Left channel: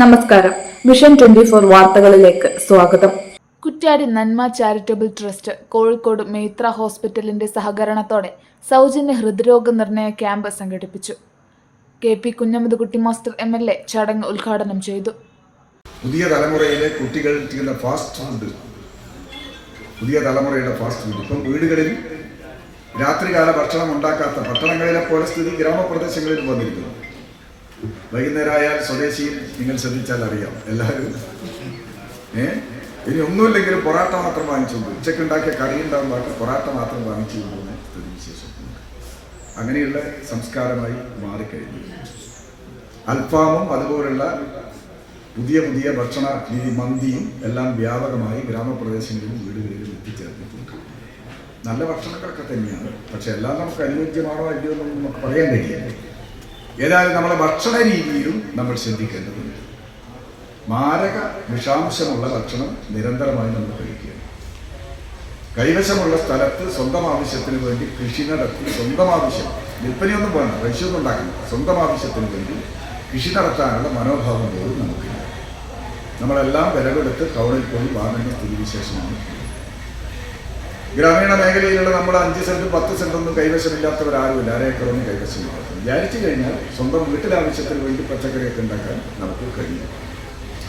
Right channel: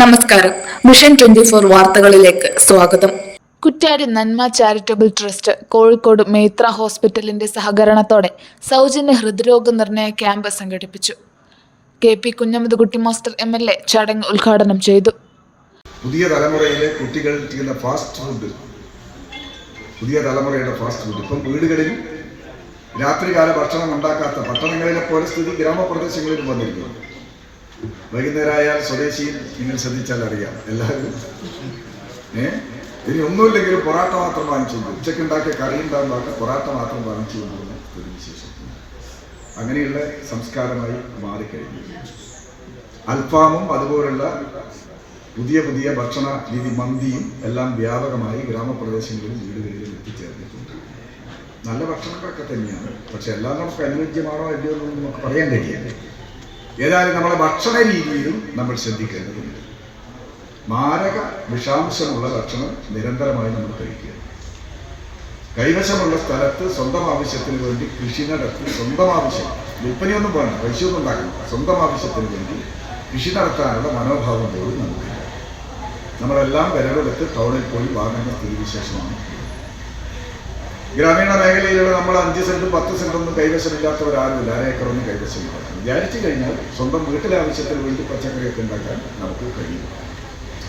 നമസ്കാരം. മിഷൻ 24 വാർത്തകളിലേക്ക് സ്വാഗതം. കുറ്റ്യാടി നന്മ ചാരിറ്റബിൾ ട്രസ്റ്റ് കോഴിക്കോട് മേത്ര ഹോസ്പിറ്റലിന്റെ സഹകരണത്തോടെ സൗജന്യ ഹൃദ്രോഗ നിർണയ ക്യാമ്പ് സംഘടിപ്പിച്ചു. KP കുഞ്ഞമ്മദ്കുട്ടി മാസ്റ്റർ MLA ചടങ്ങ് ഉദ്ഘാടനം ചെയ്തു. പുതിയ തലമുറയിലെ കുട്ടികൾക്ക് ഫാസ്റ്റ് ഫുഡ്, ഇപ്പം വീടുകളിലും രാത്രികാല ഭക്ഷണം ഉണ്ടാക്കാത്ത പട്ടണങ്ങളിലെ പോലെ സ്ഥിതി ഗ്രാമപ്രദേശങ്ങളിലും വന്നിരിക്കുന്നു. വൈകുന്നേരമായാൽ സ്വദേശിയിൽ നിങ്ങൾ ശ്രദ്ധിച്ചാൽ അറിയാം, എല്ലാവരും ഇനി ഒന്നുമില്ലെങ്കിലും പൊറാട്ട മാത്രം വാങ്ങിച്ചു, ഉച്ചക്കുണ്ടാക്കിയ കറി ഉണ്ടാകുന്നതൊക്കെ പൊറാട്ട മാത്രം വാങ്ങിച്ചു പോകുന്ന സ്ഥിതിവിശേഷത്തിലുണ്ട്. അങ്ങനെയുള്ള സംസ്കാരമായി മാറിക്കഴിഞ്ഞു. അൽഫാമും അതുപോലുള്ള പുതിയ പുതിയ ഭക്ഷണ രീതി, മന്തിയും എല്ലാം വ്യാപകമായി ഗ്രാമപ്രദേശങ്ങളിലും വീടുകളിലും എത്തിച്ചേർന്നിട്ടുണ്ട്. നല്ല ഭക്ഷണങ്ങളൊക്കെ തന്നെയാണ്, പക്ഷെ എല്ലാം നമുക്ക് അനുയോജ്യമാണോ അല്ലയോ എന്നൊന്നും നമുക്ക് പറയാൻ കഴിയില്ല. ഏതായാലും നമ്മളെ ഭക്ഷണ രീതിയിലും നമ്മൾ ശ്രദ്ധിക്കേണ്ടതുണ്ട്. മാരക വിഷാംശമുള്ള ഭക്ഷണം നിരന്തരമായി നമ്മൾ കഴിക്കുക. കൈവശമുള്ള സ്ഥലത്ത് സ്വന്തം ആവശ്യത്തിന് വേണ്ടി കൃഷി നടത്തി, സ്വന്തം ആവശ്യം, വിൽപ്പനയൊന്നും വേണ്ട, പൈസയൊന്നും ഉണ്ടാക്കണം, സ്വന്തം ആവശ്യത്തിന് വേണ്ടി കൃഷി നടത്താനുള്ള മനോഭാവം പോലും നമുക്കില്ല. നമ്മളെല്ലാം വിലകൊടുത്ത് ടൗണിൽ പോയി വാങ്ങുന്ന സ്ഥിതിവിശേഷമാണ്. ഗ്രാമീണ മേഖലയിലുള്ള നമ്മൾ 5 സെൻറ്റും 10 സെൻറ്റൊന്നും കൈവശമില്ലാത്തവരാരുമില്ല, അരേക്കറൊന്നും കൈവശമില്ല. വിചാരിച്ചു കഴിഞ്ഞാൽ സ്വന്തം വീട്ടിലാവശ്യത്തിന് വേണ്ടി പച്ചക്കറിയൊക്കെ ഉണ്ടാക്കാൻ നമുക്ക് കഴിയും.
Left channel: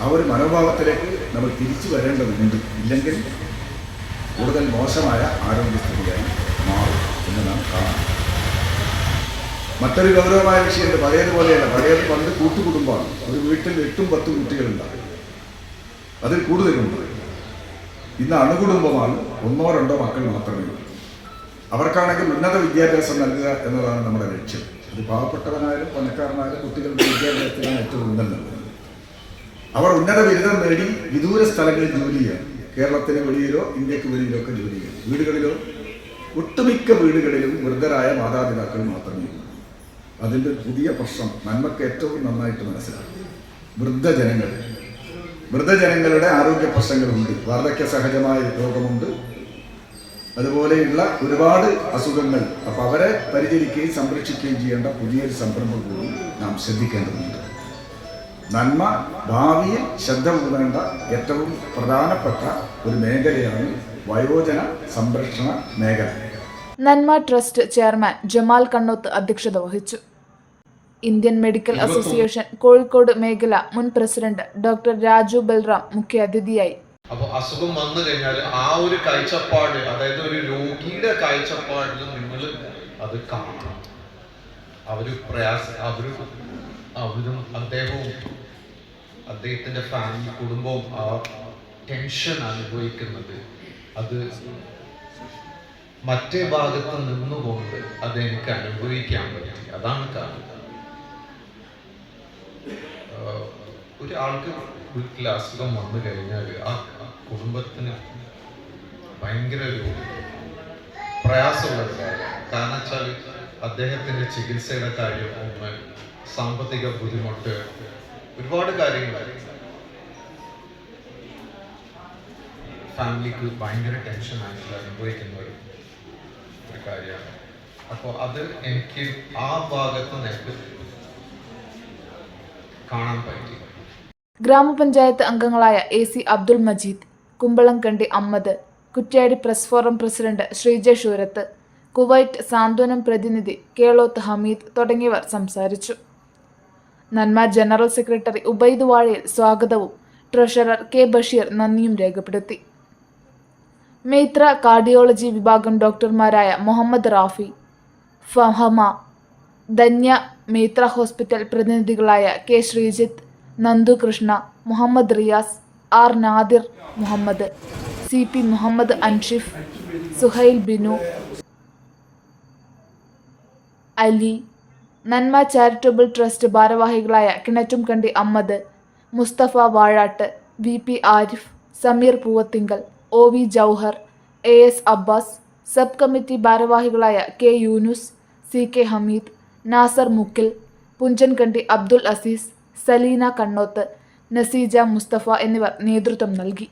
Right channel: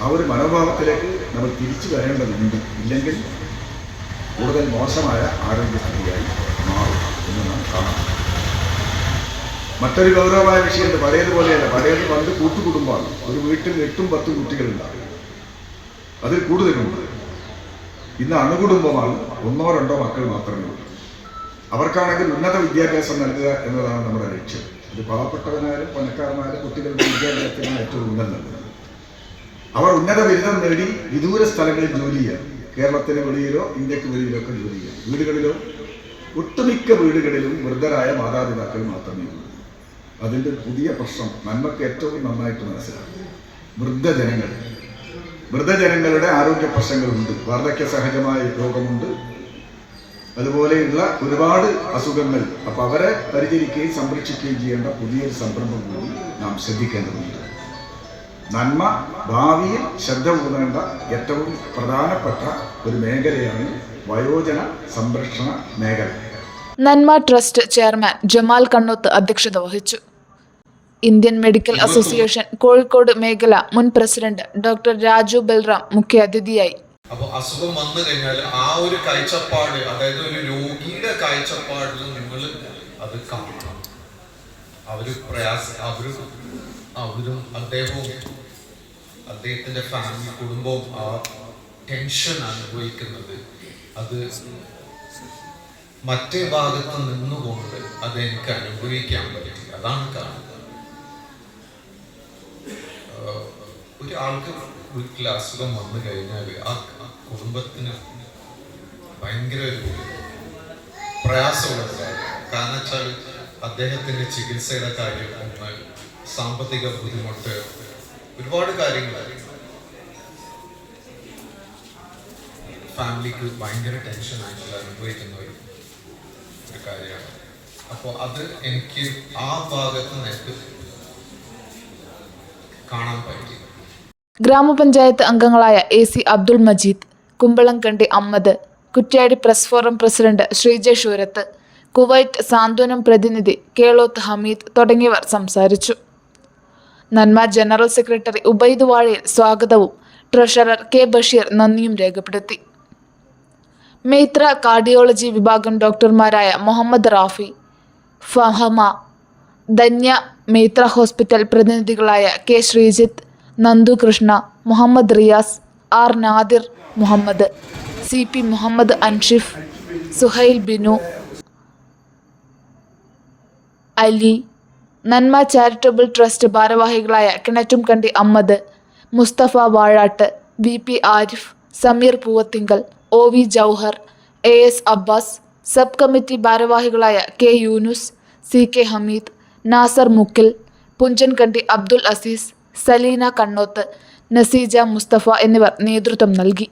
ആ ഒരു മനോഭാവത്തിലേക്ക് നമ്മൾ തിരിച്ചു വരേണ്ടതുണ്ട്. ഇല്ലെങ്കിൽ കൂടുതൽ മോശമായ ആരോഗ്യസ്ഥിതിയായി മാറും എന്ന് നാം കാണാം. മറ്റൊരു ഗൗരവമായ വിഷയമുണ്ട്. പഴയതുപോലെയല്ല. പഴയത് പണ്ട് കൂട്ടുകുടുംബമാണ്. ഒരു വീട്ടിൽ 8-10 കുട്ടികളുണ്ടാകും, അതിൽ കൂടുതലുണ്ട്. ഇന്ന് അണുകുടുംബമാണ്. 1-2 മക്കൾ മാത്രമേ ഉള്ളൂ. അവർക്കാണെങ്കിൽ ഉന്നത വിദ്യാഭ്യാസം നൽകുക എന്നതാണ് നമ്മുടെ ലക്ഷ്യം. ഇത് പാവപ്പെട്ടവനായാലും പണക്കാരനായാലും കുട്ടികളുടെ വിദ്യാഭ്യാസത്തിനാണ് ഏറ്റവും ഉന്നതം. അവർ ഉന്നത ബിരുദം നേടി വിദൂര സ്ഥലങ്ങളിൽ ജോലി ചെയ്യാം. കേരളത്തിന് വെളിയിലോ ഇന്ത്യക്ക് വെളിയിലോ ഒക്കെ ജോലി ചെയ്യാം. വീടുകളിലോ ഒട്ടുമിക്ക വീടുകളിലും വൃദ്ധരായ മാതാപിതാക്കൾ മാത്രമേ ഉള്ളൂ. അതിൻ്റെ പുതിയ പ്രശ്നം നന്മക്ക് ഏറ്റവും നന്നായിട്ട് മനസ്സിലാക്കും. വൃദ്ധജനങ്ങളുടെ ആരോഗ്യ പ്രശ്നങ്ങളുണ്ട്, വാർദ്ധക്യ സഹജമായ രോഗമുണ്ട്, അതുപോലെയുള്ള ഒരുപാട് അസുഖങ്ങൾ. അപ്പോൾ അവരെ പരിചരിക്കുകയും സംരക്ഷിക്കുകയും ചെയ്യേണ്ട പുതിയൊരു സംരംഭം കൂടി നാം ശ്രദ്ധിക്കേണ്ടതുണ്ട്. നന്മ ഭാവിയിൽ ശ്രദ്ധ ഊന്നേണ്ട ഏറ്റവും പ്രധാനപ്പെട്ട ഒരു മേഖലയാണ് വയോജന സംരക്ഷണ മേഖല. നന്മ ട്രസ്റ്റ് ചെയർമാൻ ജമാൽ കണ്ണൂത്ത് അധ്യക്ഷത വഹിച്ചു. ഇന്ത്യൻ മെഡിക്കൽ അസോസിയേഷൻ കോഴിക്കോട് മേഖല മുൻ പ്രസിഡന്റ് ഡോക്ടർ രാജു ബൽറാം മുഖ്യാതിഥിയായി. അപ്പോൾ അസുഖം വന്നു കഴിഞ്ഞാൽ ആ ഒരു കാഴ്ചപ്പാട്, അതായത് ഒരു രോഗിയുടെ കാഴ്ചപ്പാടിൽ നിങ്ങൾ അത് കാണണം. അവരും അദ്ദേഹത്തിന്റെ ഫാമിലി, കുടുംബവും ആ ടെൻഷൻ അനുഭവിക്കുന്നത് അത് മറ്റേ ഭാഗത്ത് നിന്നുകൊണ്ട് അത് എനിക്ക് അനുഭവിക്കാൻ പറ്റി. അതാണ് കാരണം. ഒരാൾക്ക് വീട്ടിൽ അസുഖം വന്നു കഴിഞ്ഞാൽ ആ കുടുംബത്തിന് ഭയങ്കര ഒരു പ്രയാസമുള്ളതാണ്. കാരണം വെച്ചാൽ അദ്ദേഹത്തിൻ്റെ ചികിത്സയുടെ കാര്യം, ഒന്ന് സാമ്പത്തിക ബുദ്ധിമുട്ട്, ഒരുപാട് കാര്യങ്ങൾ ഫാമിലിക്ക് ഭയങ്കര ടെൻഷനായിട്ട് അനുഭവിക്കുന്ന ഒരു കാര്യമാണ്. അപ്പോൾ അത് എനിക്ക് ആ ഭാഗത്ത് നിനക്ക് കാണാൻ പറ്റി. ഗ്രാമപഞ്ചായത്ത് അംഗങ്ങളായ AC Abdul Majeed, Kumbalamkandi Ahmed, Kuttiady press forum president Sreejay Soorath, Kuwait Santhwanam പ്രതിനിധി കേളോത്ത് ഹമീദ് തുടങ്ങിയവർ സംസാരിച്ചു. നന്മ ജനറൽ സെക്രട്ടറി ഉബൈദ് വാഴയിൽ സ്വാഗതവും ട്രഷറർ K ബഷീർ നന്ദിയും രേഖപ്പെടുത്തി. മേത്ര കാർഡിയോളജി വിഭാഗം ഡോക്ടർമാരായ മുഹമ്മദ് റാഫി, ഫഹമ, ധന്യ മേത്ര ഹോസ്പിറ്റൽ പ്രതിനിധികളായ K Sreejith, Nandu Krishna, Muhammad Riyas, R Nadir Muhammad, CP Muhammad Anshif, Suhail Binu, Ali, Nanma charitable trust ഭാരവാഹികളായ Kinattumkandi Ahmed, Musthafa Vazhatt, VP Arif, Sameer Poovathinkal, OV Jauhar, AS Abbas, sub committee ഭാരവാഹികളായ K യൂനുസ്, CK ഹമീദ്, നാസർ മുക്കിൽ, പുഞ്ചൻകണ്ടി അബ്ദുൽ അസീസ്, സലീന കണ്ണോത്ത്, നസീജ മുസ്തഫ എന്നിവർ നേതൃത്വം നൽകി.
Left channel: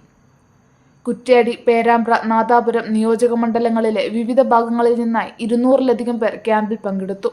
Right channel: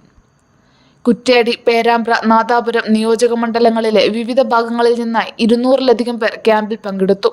കുറ്റ്യാടി, പേരാമ്പ്ര, നാദാപുരം നിയോജക മണ്ഡലങ്ങളിലെ വിവിധ ഭാഗങ്ങളിൽ നിന്നായി 200-ലധികം പേർ ക്യാമ്പിൽ പങ്കെടുത്തു.